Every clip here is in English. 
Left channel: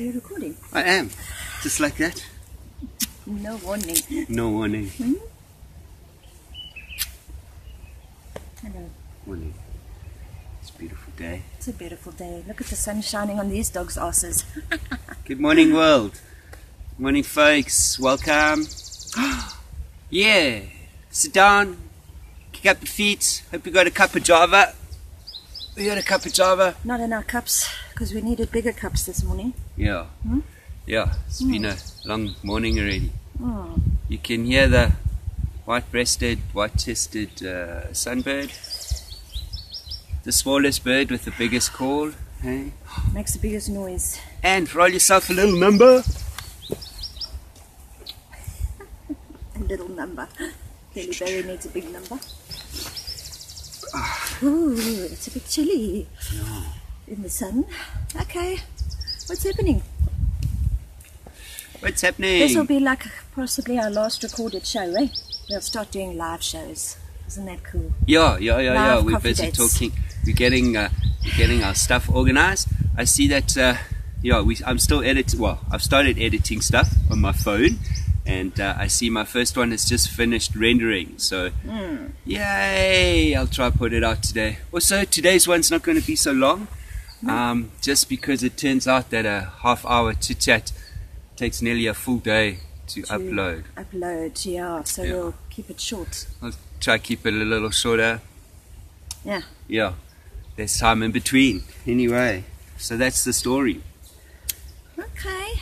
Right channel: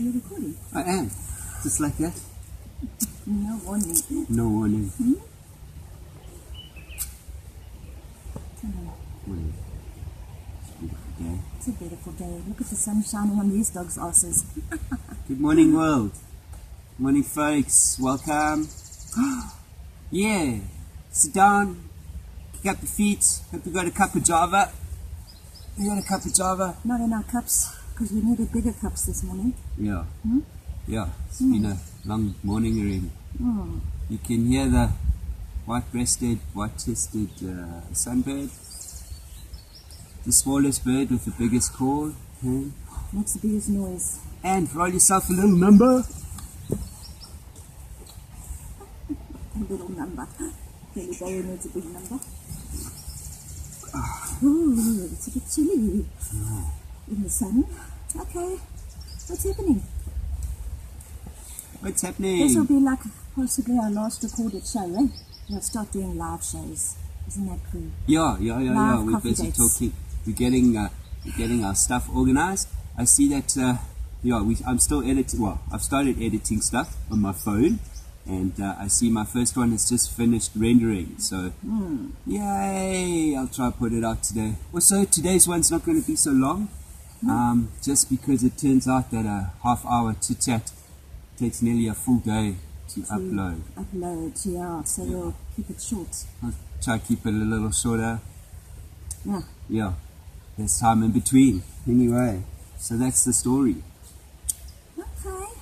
Are you recording? I am. Just like that. No warning. No warning. Hmm? Hello. Morning. It's a beautiful day. It's a beautiful day. Look at the sun shining on these dogs' asses. Good morning, world. Morning, folks. Welcome. Yeah. Sit down. Kick up your feet. Hope you got a cup of Java. We got a cup of Java. Not in our cups, because we needed bigger cups this morning. Yeah. Hmm? Yeah. It's been a long morning already. Hmm. You can hear the white-breasted, white-chested sunbird. The smallest bird with the biggest call. Hey? Makes the biggest noise. And roll yourself a little number. A little number. Billy Berry needs a big number. Ooh, it's a bit chilly in the sun. Okay, what's happening? What's happening? This will be like possibly our last recorded show, eh? We'll start doing live shows. Isn't that cool? Yeah. Live We're coffee busy dates. talking. We're getting our stuff organized. I see that. I'm still editing. Well, I've started editing stuff on my phone, and I see my first one has just finished rendering. So, yay! I'll try to put it out today. Also, today's one's not going to be so long, just because it turns out that a half-hour chit-chat takes nearly a full day to upload. Upload, yeah. So we'll keep it short. I'll try to keep it a little shorter. Yeah. Yeah, there's time in between. Anyway, so that's the story. Okay.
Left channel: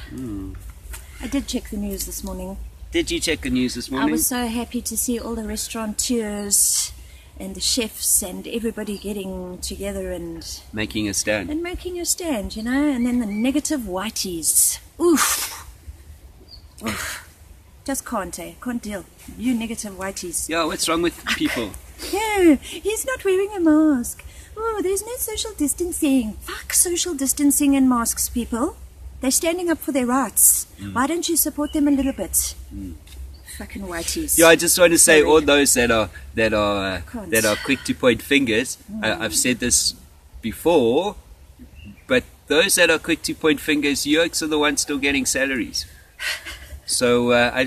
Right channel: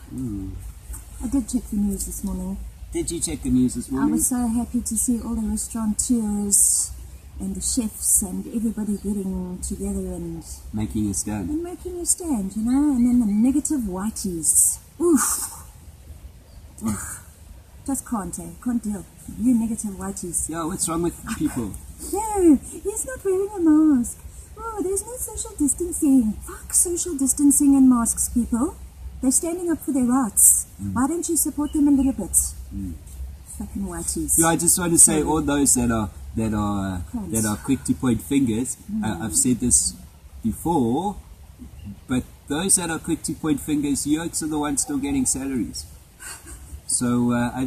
I did check the news this morning. Did you check the news this morning? I was so happy to see all the restaurateurs and the chefs and everybody getting together and making a stand. making a stand, you know. And then the negative whiteys. Oof. Oof. Just can't, eh? Can't deal. You negative whiteys. Yeah, what's wrong with people? No, he's not wearing a mask. Oh, there's no social distancing. Fuck social distancing and masks, people. They're standing up for their rights. Why don't you support them a little bit? Fucking whiteys. Yeah, I just want to say all those that are Cunts. quick to point fingers. I've said this before, but those that are quick to point fingers, yokes are the ones still getting salaries. So I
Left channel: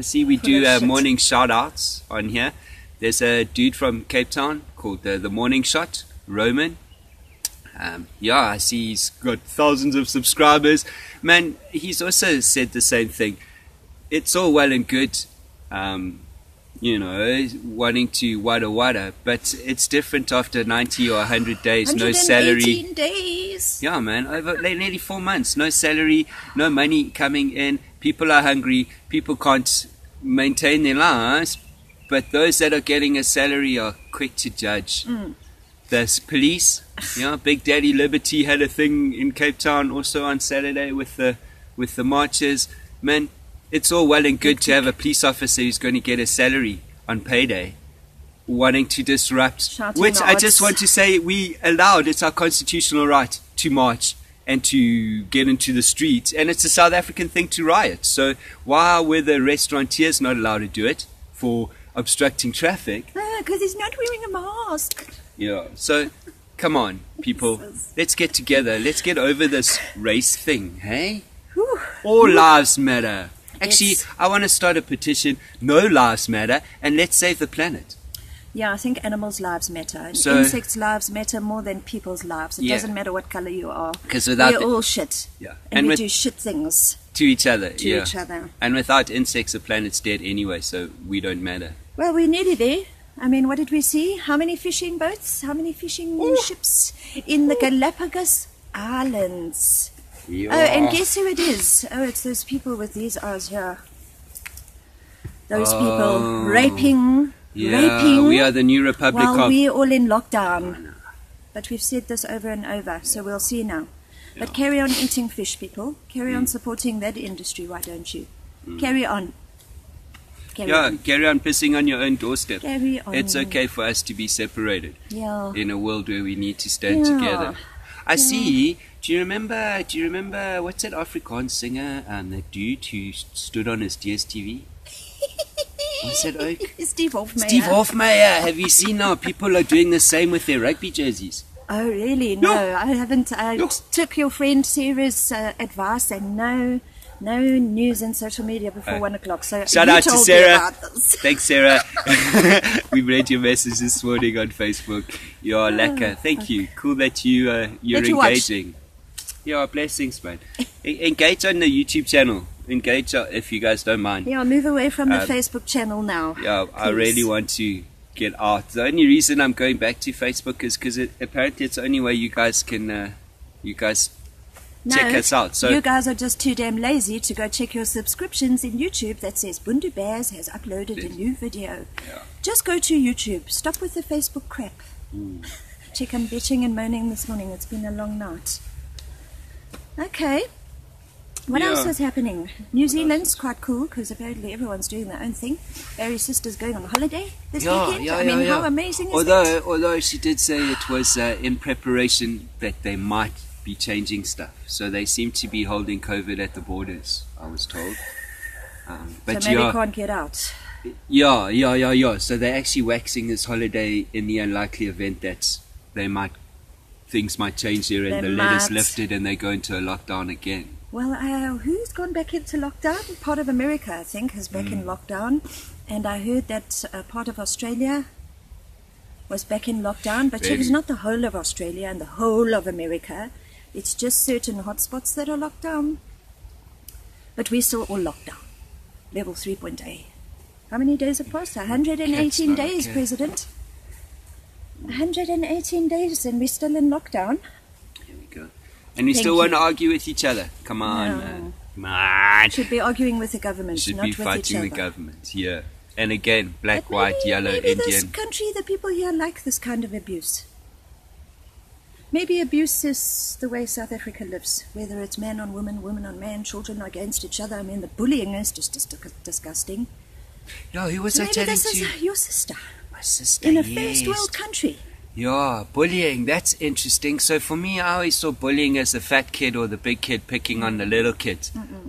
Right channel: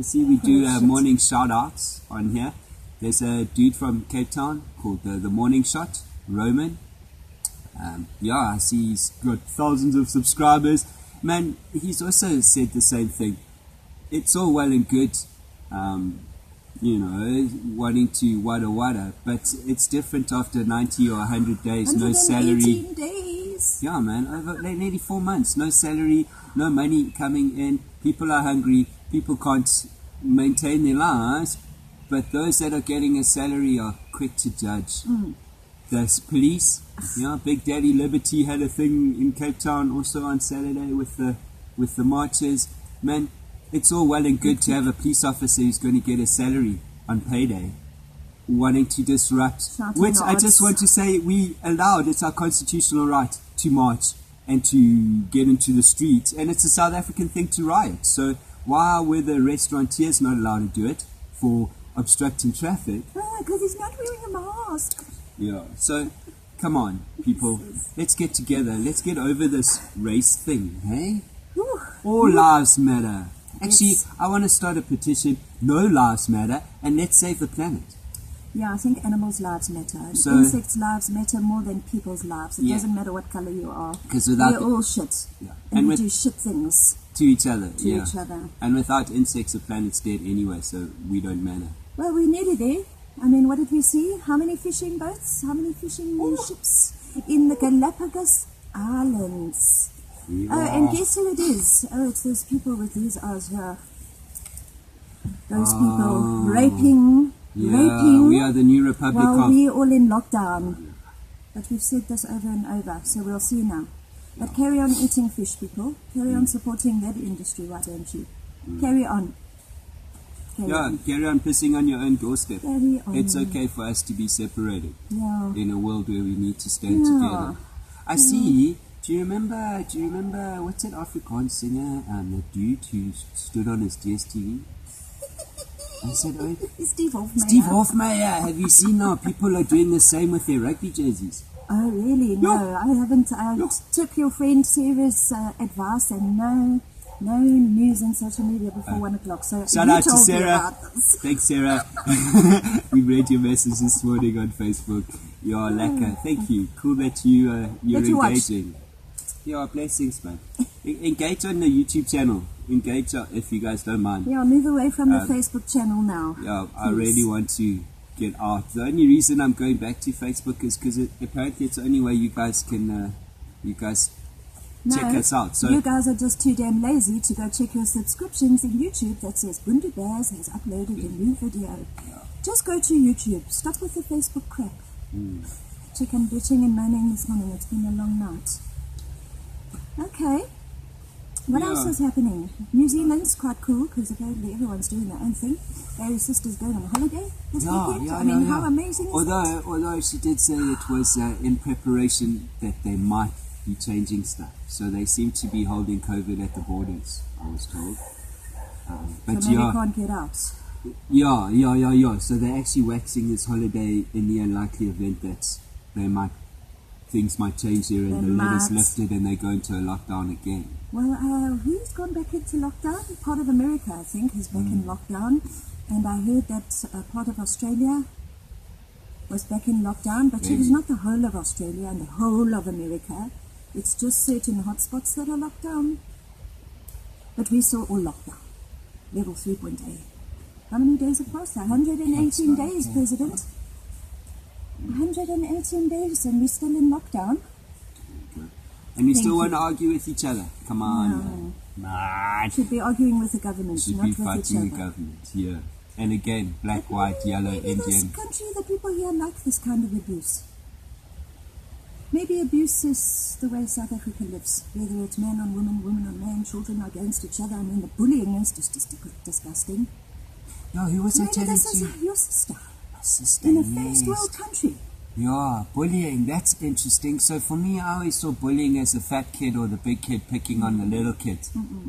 see we do morning shout outs on here. There's a dude from Cape Town called the Morning Shot, Roman. I see he's got thousands of subscribers. Man, he's also said the same thing. It's all well and good, wanting to wada, but it's different after 90 or 100 days, no salary. 118 days. Yeah, man, over nearly 4 months, no salary, no money coming in. People are hungry. People can't maintain their lives. But those that are getting a salary are quick to judge. The police, Big Daddy Liberty had a thing in Cape Town also on Saturday with the marches. Man, it's all well and good to have a police officer who's going to get a salary on payday, wanting to disrupt. Shouting which I arts. just want to say we allowed. It's our constitutional right to march and to get into the streets, and it's a South African thing to riot. So why were the restaurateurs not allowed to do it for obstructing traffic? Because he's not wearing a mask. Yeah, so come on, people. Let's get together. Let's get over this race thing, hey? Whew. All lives matter. Actually, Yes. I want to start a petition, no lives matter, and let's save the planet. Yeah, I think animals' lives matter. And So- insects' lives matter more than people's lives. It Yeah. doesn't matter what color you are. 'Cause without We're the- all shit. Yeah. And we with, do shit things to each other. to yeah. each other. And without insects, the planet's dead anyway, so we don't matter. Well, we're nearly there. I mean, what did we see? How many fishing boats? How many fishing ships in the Galapagos Islands? Yeah. Oh, and guess who it is? Oh, it's those people with these eyes here. Those people raping. We are the new Republic While of... we're all in lockdown. But we've said this over and over, so we'll see now. But carry on eating fish, people. Carry on supporting that industry, why don't you? Carry on. Carry on. Carry on pissing on your own doorstep. Carry on. It's okay for us to be separated Yeah. in a world where we need to stand together. I see. Do you remember what's that Afrikaans singer? That dude who stood on his DSTV. What's that oak? Steve Hofmeyer. Steve Hofmeyer. Have you seen now? People are doing the same with their rugby jerseys. Oh, really? No, I haven't. I No. took your friend Sarah's advice, and no news and social media before 1 o'clock. So Shout you out to told me Sarah. about this. Thanks, Sarah. We read your message this morning on Facebook. You're lekker. Thank you. Cool that you're That you watched. engaging. Yeah, blessings, man. Engage on the YouTube channel. Engage if you guys don't mind. Yeah, move away from the Facebook channel now. Yeah, I please. really want to get out. The only reason I'm going back to Facebook is because apparently it's the only way you guys can check us out. So you guys are just too damn lazy to go check your subscriptions in YouTube that says Bundu Bears has uploaded a new video. Yeah. Just go to YouTube. Stop with the Facebook crap. Check, I'm bitching and moaning this morning. It's been a long night. Okay. What else is happening? New Zealand's quite cool because apparently everyone's doing their own thing. Barry's sister's going on holiday this weekend. How amazing is that? Although she did say it was in preparation that they might be changing stuff. So they seem to be holding COVID at the borders, I was told. But so maybe can't get out. Yeah. So they're actually waxing this holiday in the unlikely event that things might change here and the letter's lifted and they go into a lockdown again. Well, who's gone back into lockdown? Part of America, I think, is back in lockdown. And I heard that part of Australia was back in lockdown. But it was not the whole of Australia and the whole of America. It's just certain hotspots that are locked down. But we're still all locked down. Level 3.8. How many days have passed? 118 days, President. 118 days and we're still in lockdown. Here we go. And we still want to argue with each other. Come on, man. Come on. Should be arguing with the government, Should not be with each fighting other. the government, yeah. And again, black, But white, yellow, maybe this Indian. country, the people here like this kind of abuse. Maybe abuse is the way South Africa lives, whether it's man on woman, woman on man, children against each other. I mean, the bullying is just disgusting. Yeah, who was I Maybe telling this to? is your sister My sister, in a yes. first world country. Yeah, bullying, that's interesting. So for me, I always saw bullying as the fat kid or the big kid picking on the little kid.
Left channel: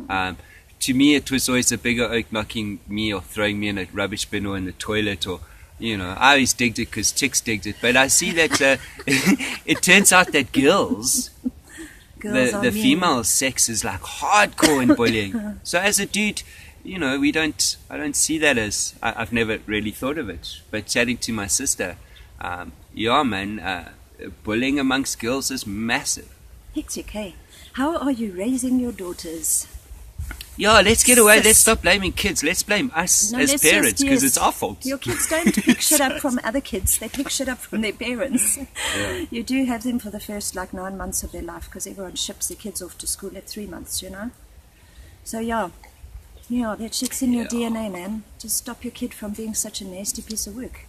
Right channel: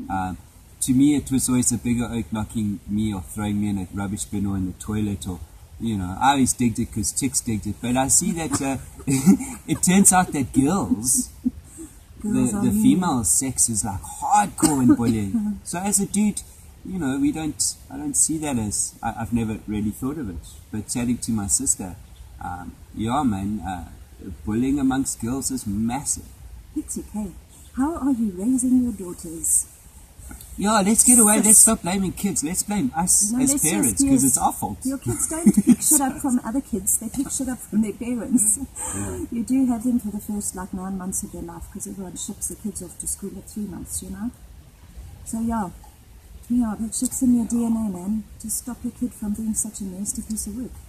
To me, it was always a bigger oak knocking me or throwing me in a rubbish bin or in the toilet or, you know, I always digged it because chicks digged it. But I see that it turns out that girls the female sex is like hardcore in bullying. So as a dude, you know, I don't see that as, I've never really thought of it. But chatting to my sister, yeah, man, bullying amongst girls is massive. Hectic, hey. How are you raising your daughters? Yeah, let's get away. Let's stop blaming kids. Let's blame us as parents because it's our fault. Your kids don't pick shit up from other kids. They pick shit up from their parents. Yeah. You do have them for the first 9 months of their life because everyone ships their kids off to school at 3 months, you know. So yeah, that shit's in your DNA, man. Just stop your kid from being such a nasty piece of work.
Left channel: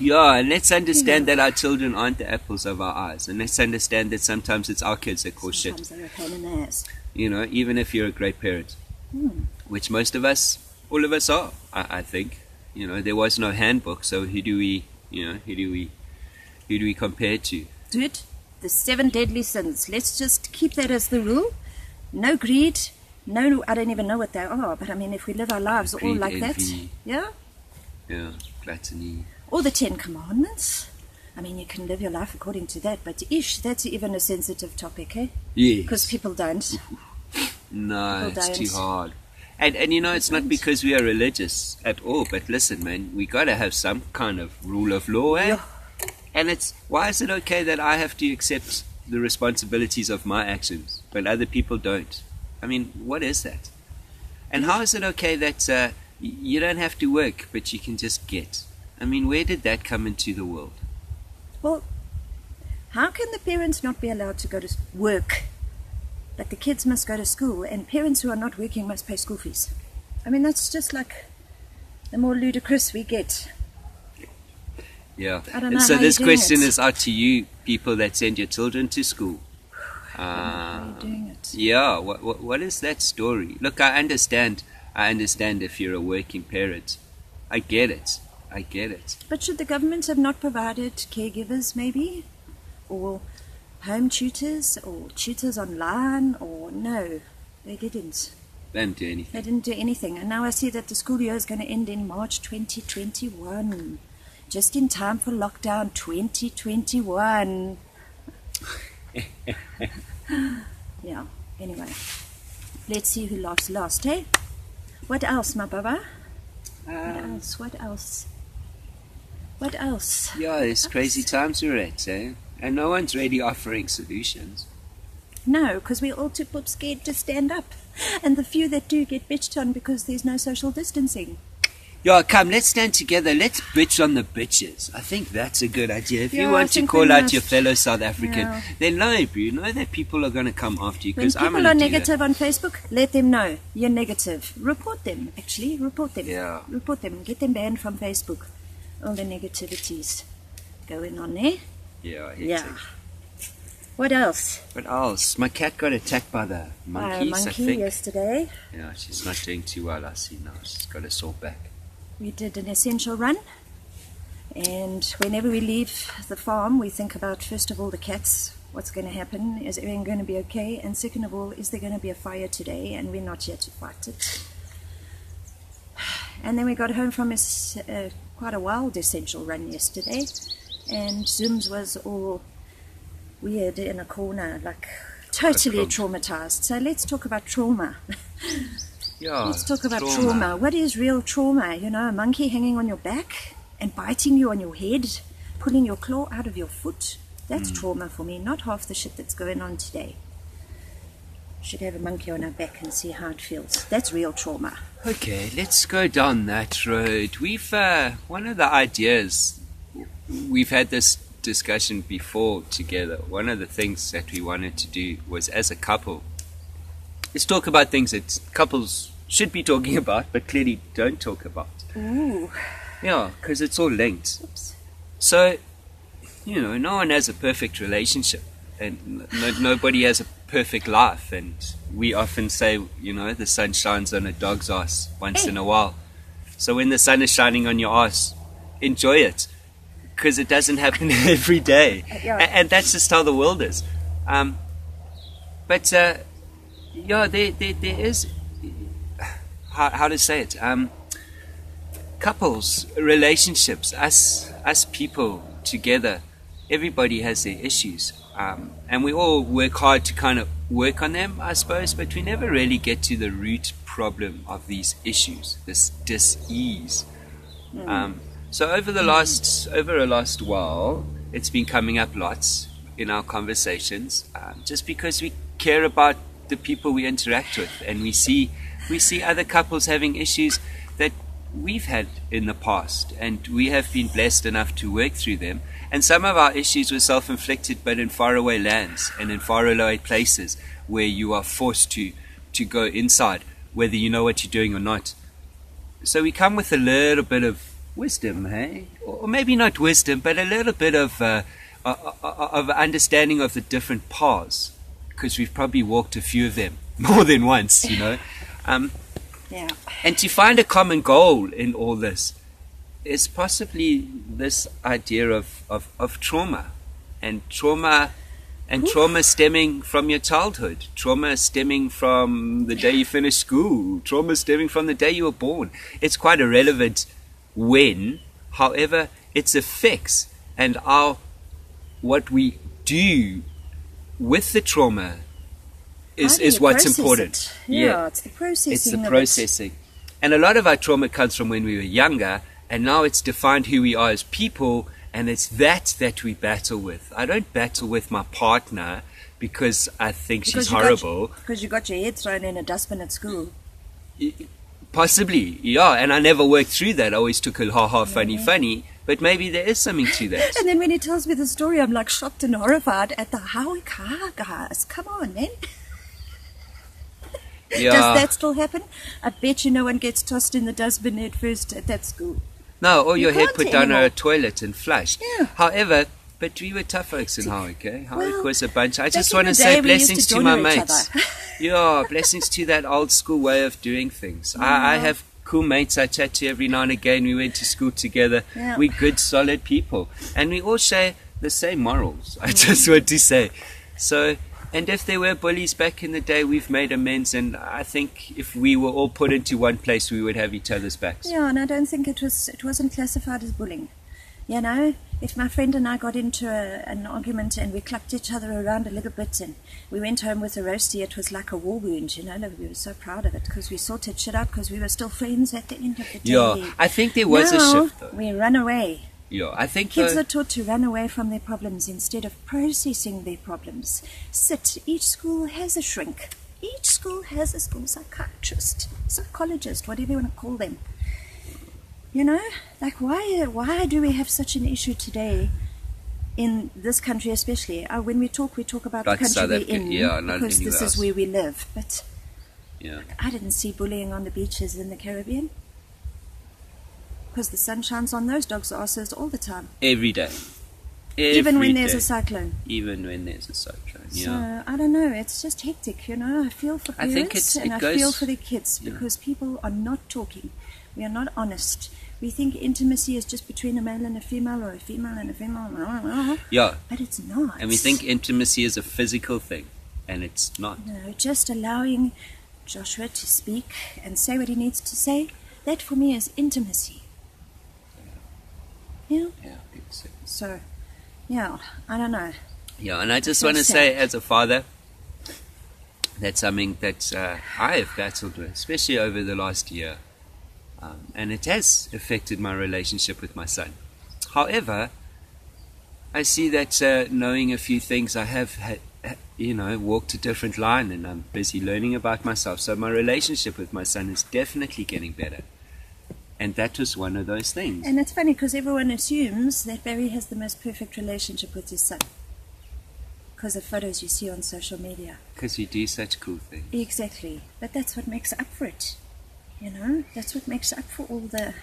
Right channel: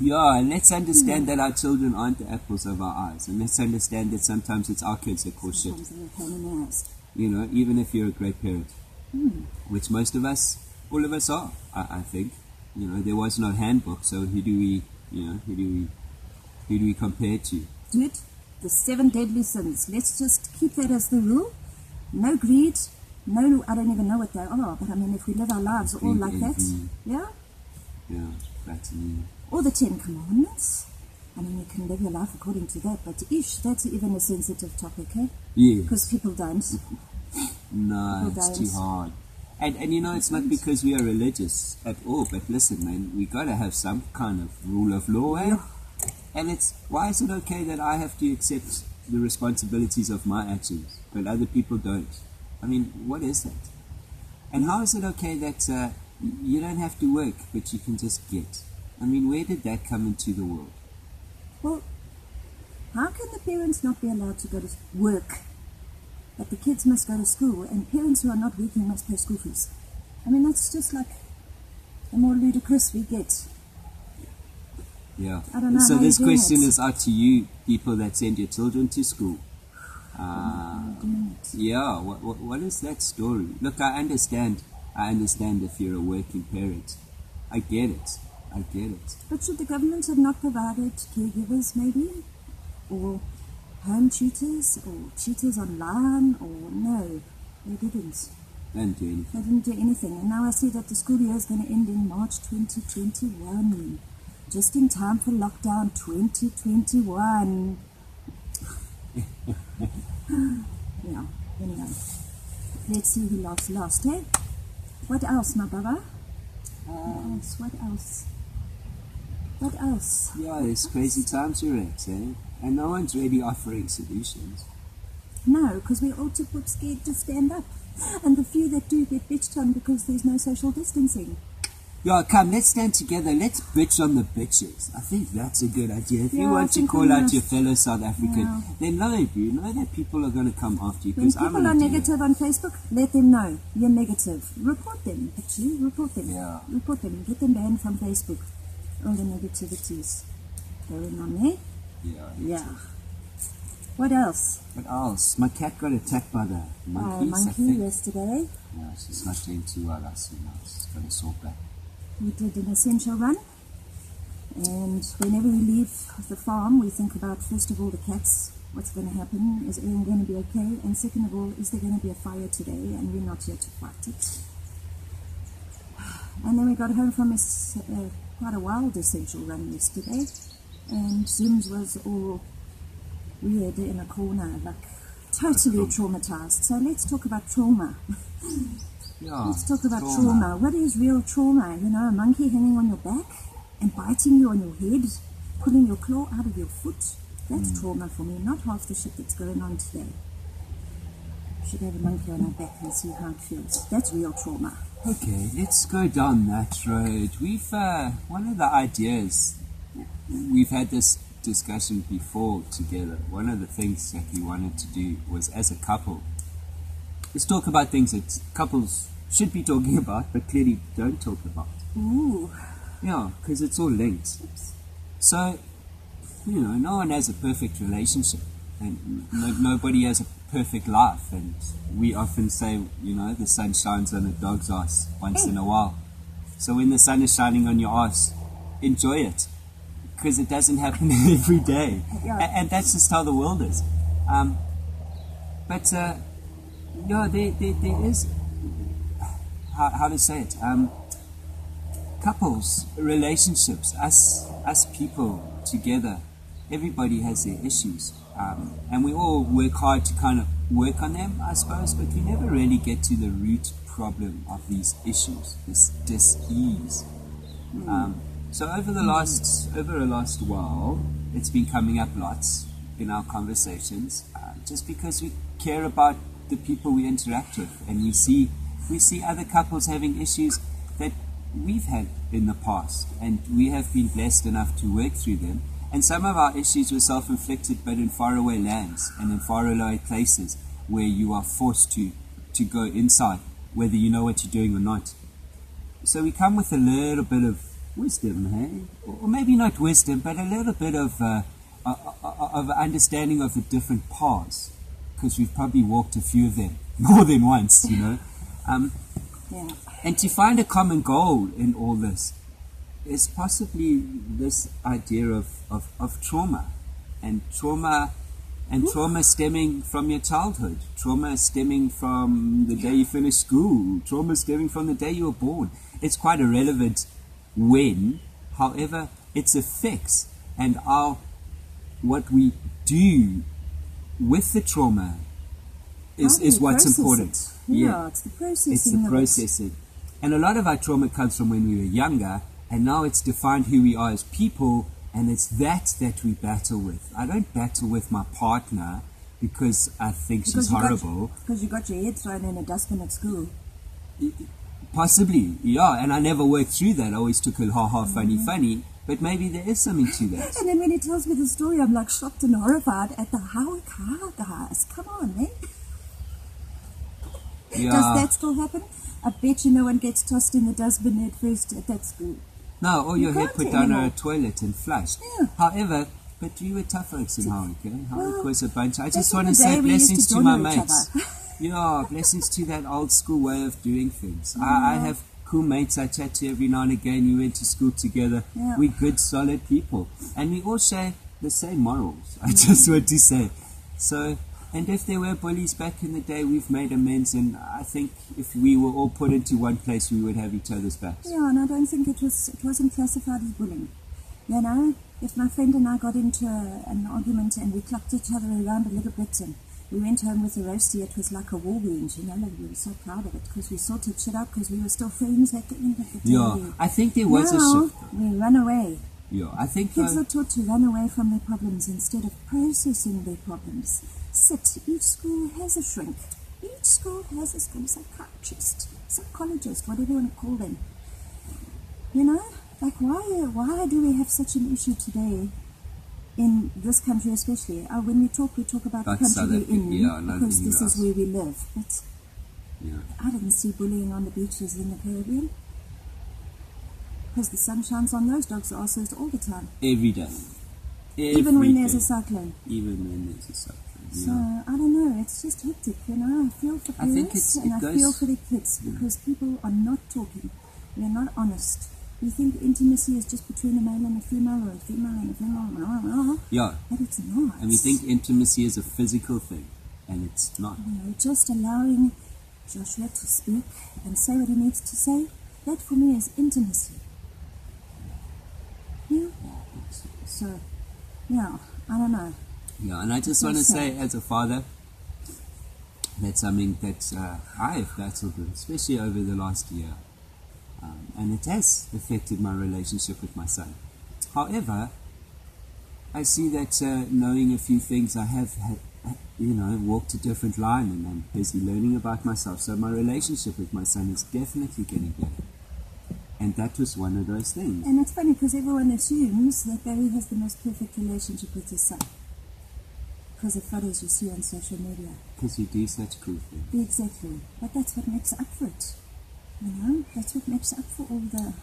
Yeah, and let's understand that our children aren't the apples of our eyes. And let's understand that sometimes it's our kids that cause shit. Sometimes they're a pain in the ass. You know, even if you're a great parent. Which most of us, all of us are, I think. You know, there was no handbook, so who do we compare to? Dude, the 7 deadly sins. Let's just keep that as the rule. No greed. No, I don't even know what they are. But I mean, if we live our lives all like envy. that. Yeah, gluttony. Or the 10 Commandments. I mean, you can live your life according to that, but that's even a sensitive topic, eh? Yeah. Because people don't. No, People it's don't. too hard. And you know, it's not because we are religious at all, but listen, man, we got to have some kind of rule of law, eh? Yeah. And why is it okay that I have to accept the responsibilities of my actions, but other people don't? I mean, what is that? And how is it okay that you don't have to work, but you can just get? I mean, where did that come into the world? Well, how can the parents not be allowed to go to work, but the kids must go to school, and parents who are not working must pay school fees? I mean, that's just like the more ludicrous we get. Yeah. I don't know And so how this you're doing question it. is out to you, people that send your children to school. How are you doing it? Yeah, what is that story? Look, I understand if you're a working parent. I get it. But should the government have not provided caregivers, maybe? Or home tutors? Or tutors online? Or no, they didn't. They didn't do anything. They didn't do anything. And now I see that the school year is going to end in March 2021. Just in time for lockdown 2021. Yeah, anyway. Let's see who laughs last, eh? What else, my baba? What else? What else? Yeah, it's crazy times we're at, eh? And no one's really offering solutions. No, because we're all too scared to stand up. And the few that do get bitched on because there's no social distancing. Yeah, come, let's stand together. Let's bitch on the bitches. I think that's a good idea. If you Yeah, I want to think call we out must. your fellow South African, Yeah. then know that people are going to come after you. When Because I'm people going are to do that. negative on Facebook, let them know you're negative. Report them, actually. Report them. Yeah. Report them. Get them banned from Facebook. All the negativities going on there. Yeah, Yeah. What else? What else? My cat got attacked by the monkeys, I Monkey think. yesterday. Yeah, she's not doing too well, I see now. She's got a sore back. We did an essential run. And whenever we leave the farm, we think about, first of all, the cats. What's going to happen? Is everything going to be okay? And second of all, is there going to be a fire today? And we're not here to fight it. And then we got home from quite a wild essential run yesterday. And Zooms was all weird in a corner, like totally traumatized. So let's talk about trauma. Yeah, Let's talk about trauma. What is real trauma? You know, a monkey hanging on your back and biting you on your head, pulling your claw out of your foot. That's trauma for me, not half the shit that's going on today. Should have a monkey on our back and see how it feels. That's real trauma. Okay, let's go down that road. We've, one of the ideas, we've had this discussion before together. One of the things that we wanted to do was, as a couple, let's talk about things that couples should be talking about, but clearly don't talk about. Ooh. Yeah, because it's all linked. Oops. So, you know, no one has a perfect relationship, and nobody has a perfect life. And we often say, you know, the sun shines on a dog's ass once in a while. So when the sun is shining on your ass, enjoy it, because it doesn't happen every day. Yeah. And that's just how the world is. But yeah, there is, how to say it, couples, relationships, us people together, everybody has their issues, and we all work hard to kind of work on them, I suppose, but we never really get to the root problem of these issues, this dis-ease. So over a last while, it's been coming up lots in our conversations, just because we care about the people we interact with, and we see other couples having issues that we've had in the past, and we have been blessed enough to work through them. And some of our issues were self-inflicted, but in faraway lands and in faraway places where you are forced to go inside, whether you know what you're doing or not. So we come with a little bit of wisdom, hey? Or maybe not wisdom, but a little bit of understanding of the different paths, because we've probably walked a few of them more than once, you know. Yeah. And to find a common goal in all this is possibly this idea of trauma, and trauma stemming from your childhood, trauma stemming from the day you finished school, trauma stemming from the day you were born. It's quite irrelevant when, however, its effects and what we do with the trauma is what's important. Yeah, it's the processing. It's the processing. And a lot of our trauma comes from when we were younger, and now it's defined who we are as people, and it's that we battle with. I don't battle with my partner because I think she's horrible. Because you got your head thrown in a dustbin at school. Possibly, yeah, and I never worked through that. I always took a ha-ha, funny, but maybe there is something to that. And then when he tells me the story, I'm like shocked and horrified at the how guys. Come on, man. Yeah. Does that still happen? I bet you no one gets tossed in the dustbin at first at that school. No, or your head can't put down anymore. a toilet and flushed. Yeah. However, but we were tough folks in Howick, eh? Howick Well, was a bunch. I just back in want to the say day, we used blessings to to my join each mates. other. Yeah, blessings to that old school way of doing things. I have cool mates I chat to every now and again. We went to school together. Yeah. We're good, solid people. And we all share the same morals, I just want to say. So, and if there were bullies back in the day, we've made amends. And I think if we were all put into one place, we would have each other's backs. Yeah, and I don't think it wasn't classified as bullying. You know, if my friend and I got into an argument and we clapped each other around a little bit and we went home with a roastie, it was like a war wound, you know. We were so proud of it because we sorted shit out because we were still friends at the end of the day. Yeah, I think there was a shift, though. We run away. Yeah, I think Kids are taught to run away from their problems instead of processing their problems. Each school has a shrink. Each school has a school psychiatrist, psychologist, whatever you want to call them. You know, like why do we have such an issue today in this country especially? When we talk about like the country we're in, because this is where we live. But yeah, I didn't see bullying on the beaches in the Caribbean because the sun shines on those dogs' asses all the time. Every day. Even when there's a cyclone. Even when there's a cyclone, yeah. So, I don't know, it's just hectic, you know. I feel for parents and I feel for the kids because people are not talking. We are not honest. We think intimacy is just between a male and a female or a female and a female. Yeah. But it's not. And we think intimacy is a physical thing, and it's not. No, just allowing Joshua to speak and say what he needs to say, that for me is intimacy. Yeah? Yeah, I think so. So, yeah, I don't know. Yeah, and I just want to say, as a father, that's something that I have battled with, especially over the last year. And it has affected my relationship with my son. However, I see that knowing a few things, I have, walked a different line, and I'm busy learning about myself. So my relationship with my son is definitely getting better. And that was one of those things. And it's funny because everyone assumes that Barry has the most perfect relationship with his son because of photos you see on social media. Because you do such cool things. Exactly. But that's what makes up for it. You know, that's what makes up for all the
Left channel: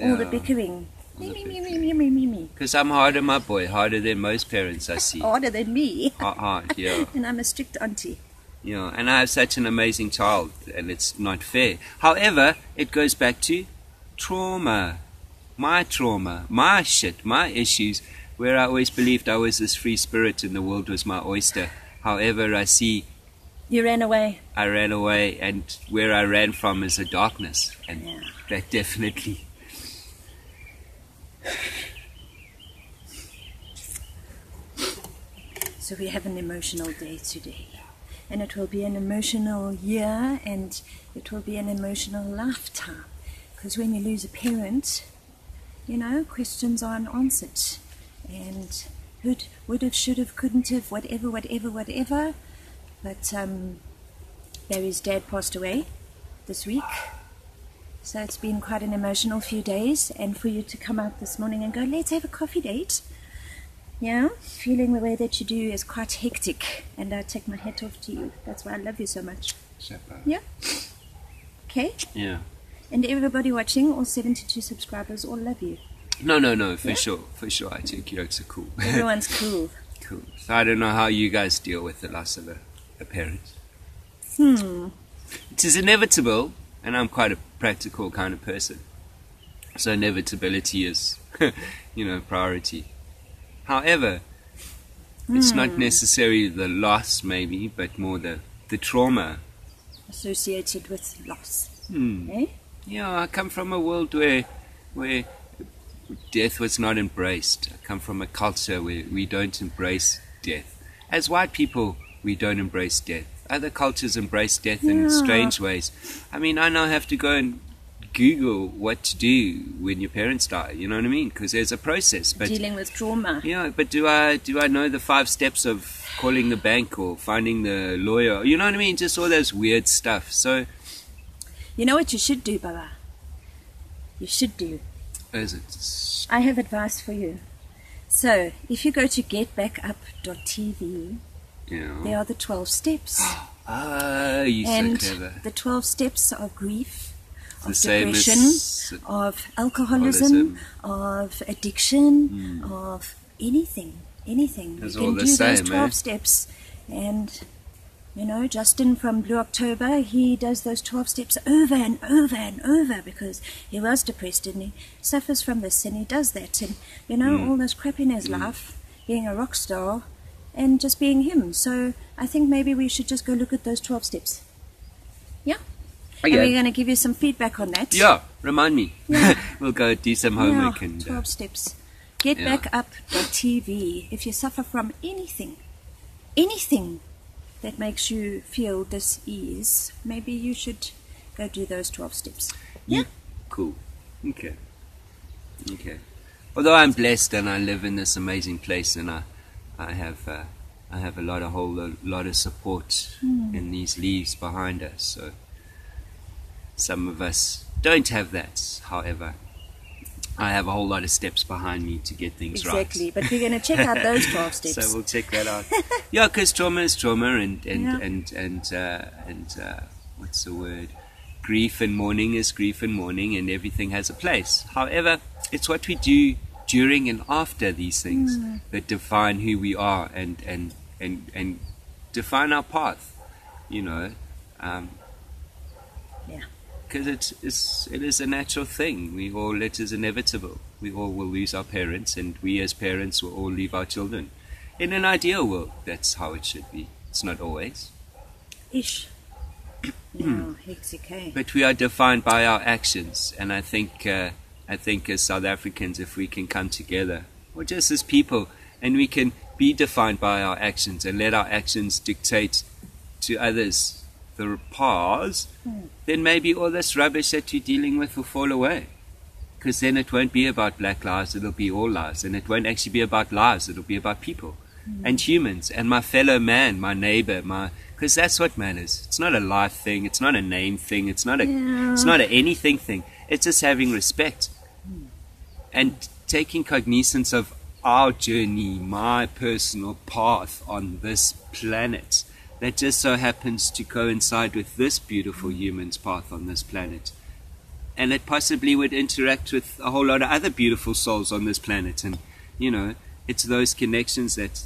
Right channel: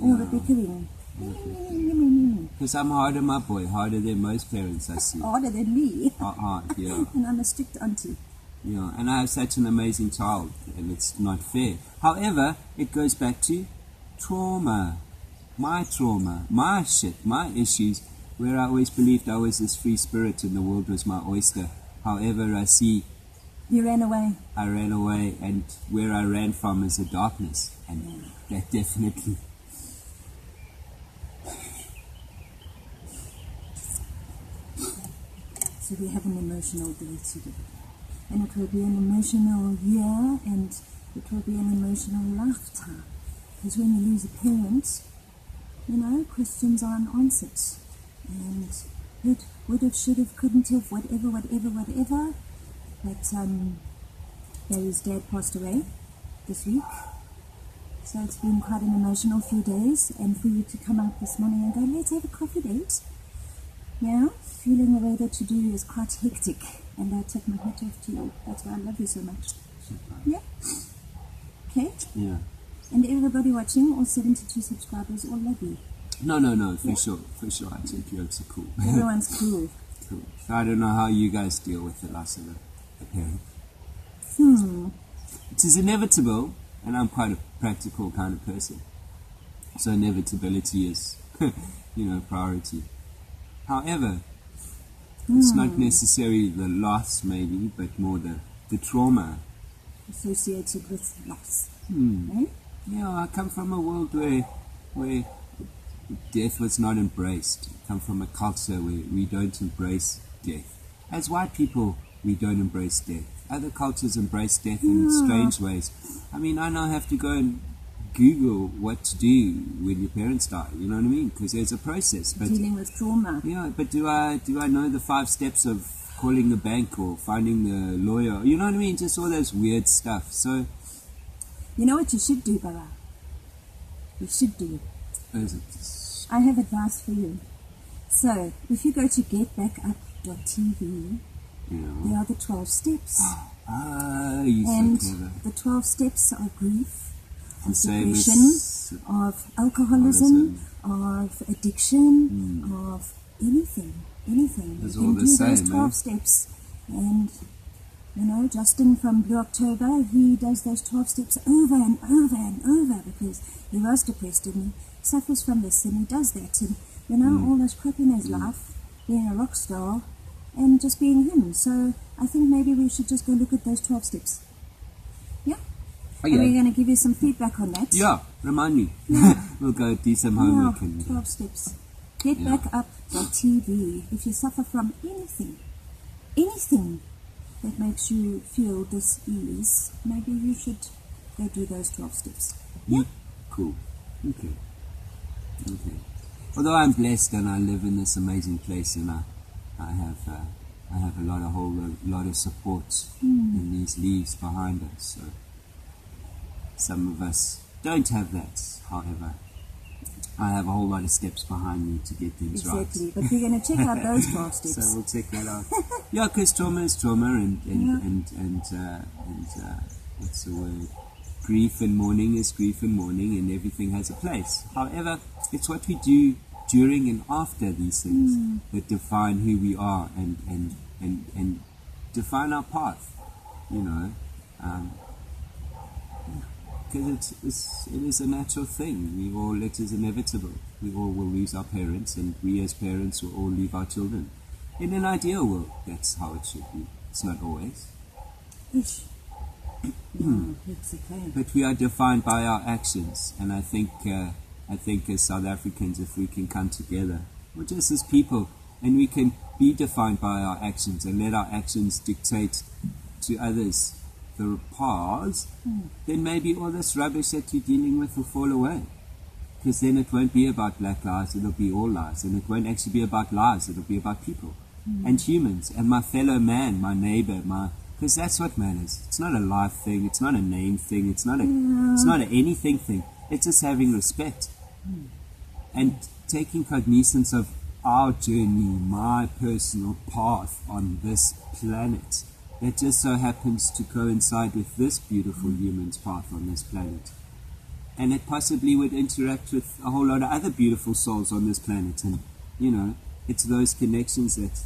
all the bickering. Me. Because I'm harder, my boy, harder than most parents I see. Harder than me. Hard, yeah. And I'm a strict auntie. Yeah, and I have such an amazing child, and it's not fair. However, it goes back to trauma, my shit, my issues, where I always believed I was this free spirit and the world was my oyster. However, I see you ran away. I ran away, and where I ran from is a darkness, and that definitely. So we have an emotional day today, and it will be an emotional year, and it will be an emotional lifetime, because when you lose a parent, you know, questions are unanswered, and would have, should have, couldn't have, whatever. But Barry's dad passed away this week, so it's been quite an emotional few days. And for you to come out this morning and go, let's have a coffee date, yeah, feeling the way that you do is quite hectic, and I take my hat off to you. That's why I love you so much. Yeah. Okay. Yeah. And everybody watching, all 72 subscribers, all love you. No, for sure. I think you are cool. Everyone's cool. Cool. So I don't know how you guys deal with the loss of a parent. It is inevitable, and I'm quite a practical kind of person. So inevitability is, priority. However, it's not necessarily the loss, maybe, but more the trauma associated with loss. Eh? Yeah, I come from a world where death was not embraced. I come from a culture where we don't embrace death. As white people, we don't embrace death. Other cultures embrace death in strange ways. I mean, I now have to go and Google what to do when your parents die. You know what I mean? Because there's a process. But dealing with trauma. Yeah, but do I know the 5 steps of calling the bank or finding the lawyer? You know what I mean? Just all those weird stuff. So, you know what you should do, Baba? You should do. Is it? I have advice for you. So, if you go to getbackup.tv, there are the 12 steps. You're so clever. The 12 steps are grief, of same depression, of alcoholism, of addiction, of anything. It's You all can the do those same, 12 steps. And, Justin from Blue October, he does those 12 steps over and over and over because he was depressed and he suffers from this and he does that. And, all this crap in his life, being a rock star and just being him. So I think maybe we should just go look at those 12 steps. Yeah? Okay. And we're going to give you some feedback on that. Yeah, remind me. Yeah. We'll go do some homework. 12 steps. Getbackup.tv. If you suffer from anything that makes you feel dis-ease, maybe you should go do those 12 steps. Yeah? Cool. Okay. Although I'm blessed and I live in this amazing place, and I have a whole lot of support in these leaves behind us. So some of us don't have that. However, I have a whole lot of steps behind me to get things right. Exactly, but we're going to check out those 12 steps. So we'll check that out. Yeah, because trauma is trauma, and what's the word? Grief and mourning is grief and mourning, and everything has a place. However, it's what we do during and after these things that define who we are and define our path. You know. Because it is a natural thing. It is inevitable. We all will lose our parents, and we as parents will all leave our children. In an ideal world, that's how it should be. It's not always. Ish. No, hexy. But we are defined by our actions, and I think as South Africans, if we can come together, or just as people, and we can be defined by our actions and let our actions dictate to others the paths, then maybe all this rubbish that you're dealing with will fall away. Because then it won't be about black lives, it'll be all lives. And it won't actually be about lives, it'll be about people and humans and my fellow man, my neighbor, because that's what matters. It's not a life thing, it's not a name thing, it's not a anything thing. It's just having respect and taking cognizance of our journey, my personal path on this planet that just so happens to coincide with this beautiful human's path on this planet. And it possibly would interact with a whole lot of other beautiful souls on this planet. And, you know, it's those connections that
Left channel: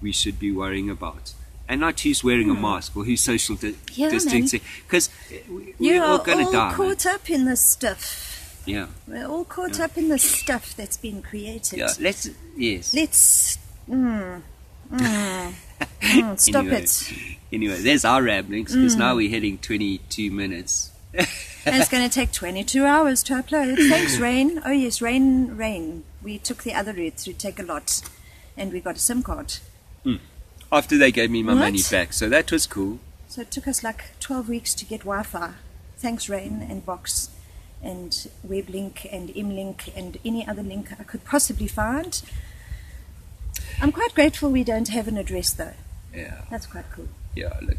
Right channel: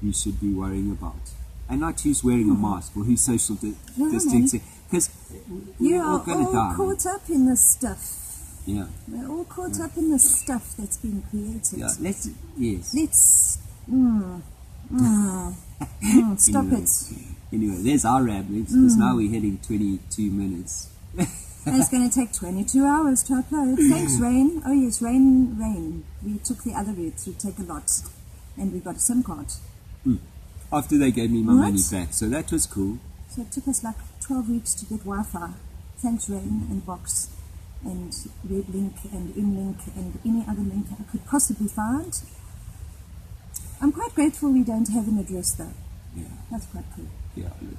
we should be worrying about. And not who's wearing a mask or who's social distancing. Because we're all going to die. You're all caught up in this stuff. Yeah. We're all caught up in the stuff that's been created. Yeah, let's stop it. Anyway, there's our ramblings, because now we're hitting 22 minutes. And it's going to take 22 hours to upload. Thanks, Rain. Oh, yes, Rain. We took the other route through Take a Lot, and we got a SIM card. After they gave me my money back, so that was cool. So it took us like 12 weeks to get Wi-Fi. Thanks, Rain and Box and WebLink and MLink and any other link I could possibly find. I'm quite grateful we don't have an address, though. Yeah. That's quite cool. Yeah, look.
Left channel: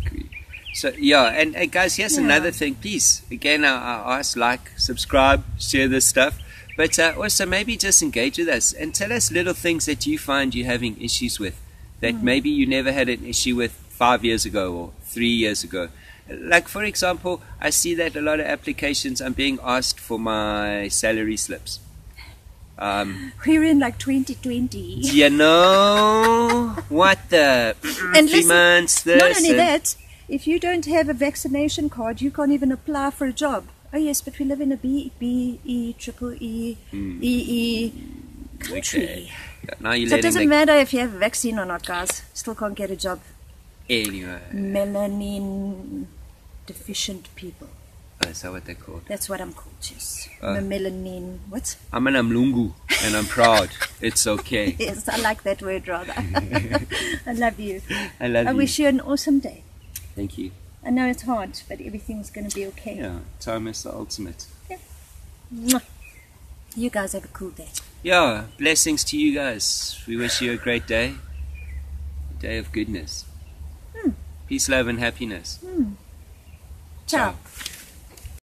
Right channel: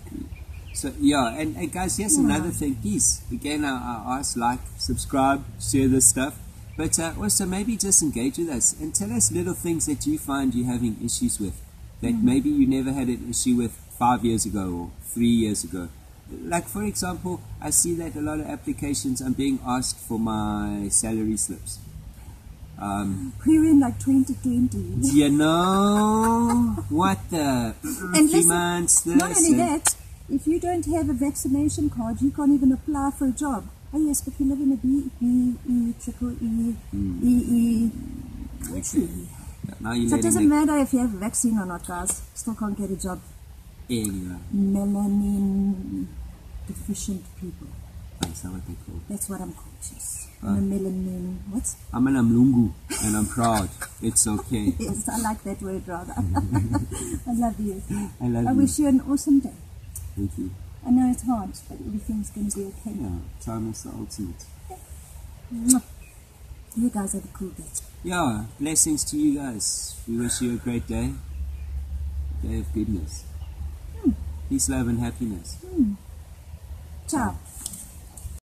So, yeah, and guys, here's another thing. Please, again, I ask, subscribe, share this stuff. But also maybe just engage with us and tell us little things that you find you're having issues with that maybe you never had an issue with 5 years ago or 3 years ago. Like, for example, I see that a lot of applications, I'm being asked for my salary slips. We're in like 2020. You know what the and 3 months this. Not only that, if you don't have a vaccination card, you can't even apply for a job. Oh yes, but we live in a BE country. Okay. Now so it doesn't matter if you have a vaccine or not, guys. Still can't get a job. Anyway. Melanin deficient people. Oh, is that what they're called? That's what I'm called, yes. Melanin. What? I'm an Mlungu, and I'm proud. It's okay. Yes, I like that word rather. I love you. I wish you an awesome day. Thank you. I know it's hard, but everything's going to be okay. Yeah, time is the ultimate. Yeah. Mwah. You guys have a cool day. Yeah, blessings to you guys. We wish you a great day. A day of goodness. Peace, love, and happiness. Ciao.